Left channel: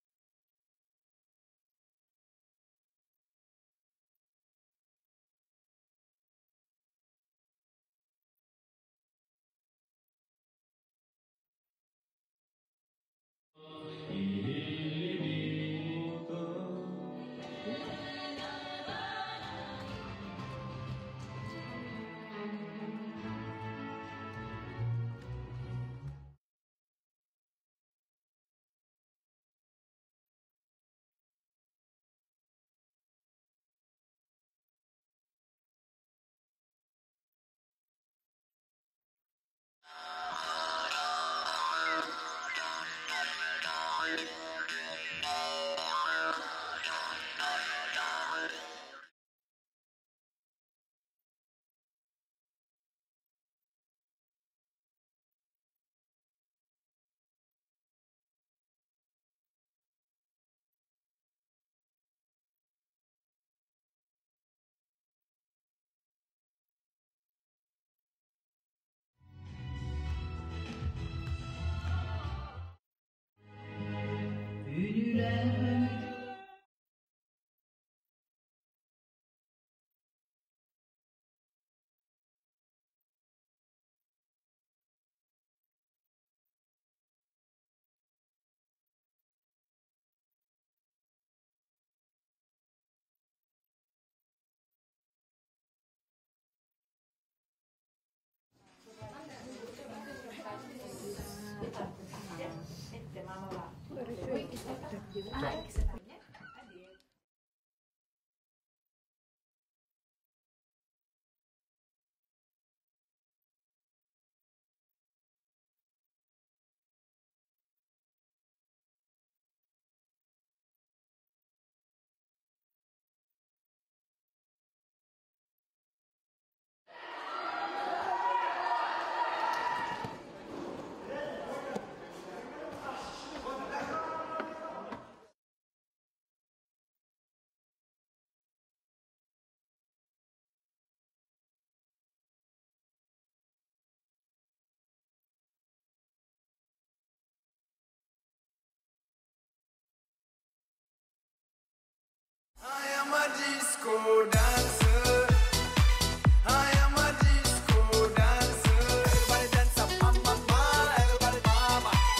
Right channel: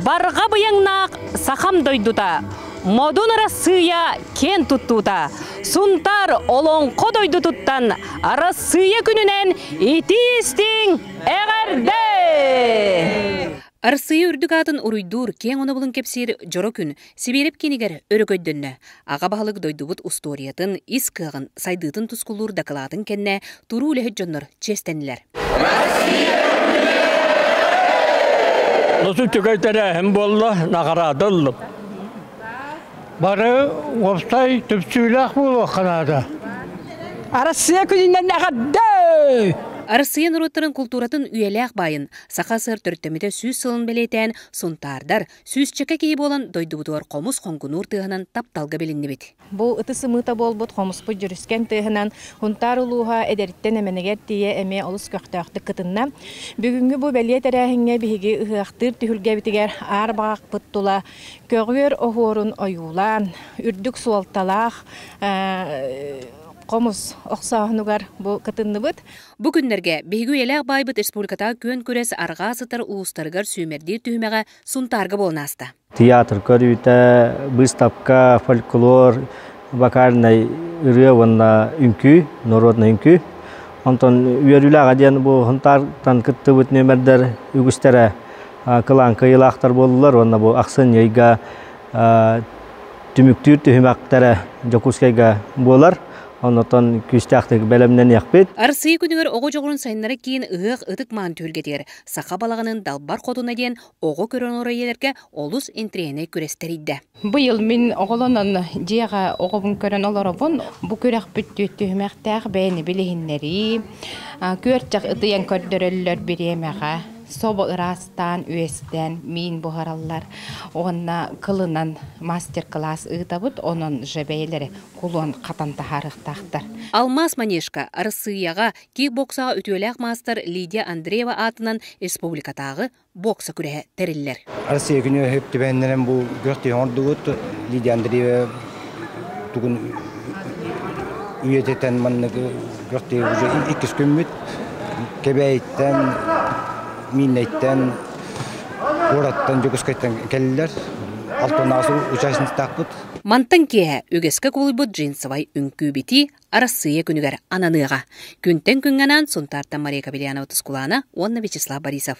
Барға бұяңнақ сақам дойдута, модун арасыя кен туттута, сунтар олонқо дойду туттан арасыя күнінен итистің әғәрді! Арсыя үрдік атын ұруйдур кен оны бұлын кепсер жоро күн Сибиреп кенігер өрікөйдінні. Аға бағылық дойдубут усториятын, искығын, сайдытын тұскулур дақылатын кенне туру үліхет жонныр честенілер. Nasıl tüketene hem bolla nakaradıllıp. Barı opsay tüpsüylak bu kanada. Arasıya күнінен нағадды! Арсыя нұрыттарын культуратын үйелек байын, сақа сыр түрттемеде сүйіз сылын белетен, сұнтардар, сүйіз чеке кейі болан дойдубудуар қомыс қоңгунур тығынан тапталға белінді бет. Бұл ұтысы мұта болбұт қомыспы жүріскен тығынан хунтар ұлуға әдеріттен әменегер тие әме олыс көқтіақты кытынна. Бүгінгі бұл бәлие тәрәхіңе бігі ұғақтыр түхілге бітігер ар бағақ бұттыла, көгер оғырын ойулан, үрдік суалталақ, Қомыз оқсағынығар бұл қытынны бұд. Бүгіндерге бейгі еләқ байбыт республиката көн көрес арға сытыр ұлыстарығар сүймердер түймеға сұнтарғы болнасты. Театр көрүйті, выставка, фольклор, бакарнай ұры үнкі, народный үнкі. Онтон үйеріліға ден бұл ғынтартан күтті бұд нөмірдер үгістері қылан қиылақтар болылар. Онна бұл ақсын ейға түміктір түймектері жокускайға болар. Ondan küstəxtəki bələmdən yaxbet. Арсыя күнігер оғы жоғырын сайынлары кейін ұғық ұтық маған түлгедер. Сақа балағының далбар қодуна дейін оғы көрін орайелерге олыс интрияны көрестер еді. Бұйыл мен оғылынан жеға оғыбын көрін олары бұн, бұ көрек бүтті түхімәқтәқ бәйіні білігінлері, көрчақ ұтыян көрдірілер біремеға. Соба ырастан, үестен, мен бұғаралар. Оғына қылынан мастер-класс ұйтабыд, оның жебейлері құлуын қатан тахарықтақтар. Алмаз Манешка Арсыяға кикбоксаға үтуелек мастер Лидия Андреева атынан республикатағы бокса күрі тәрілер. Арсыя күні өпті бәйіндерін бұл көрті ордығыт Лидия Андреева тұғын үйететен маннығы көрті икіс көммет кебәйттен Миннеттен, ораттан, жүгіскайттан кәлілер, алтын асу учасыны тақпыт. Мантан кеге өгескі қолыбыт жинсывай үнкі бети Арсыя күнігер ананыға. Күнтен күнганан Сұнтарта Мария Кабелянова тұскуланы, Онна Вячеслав Борисов.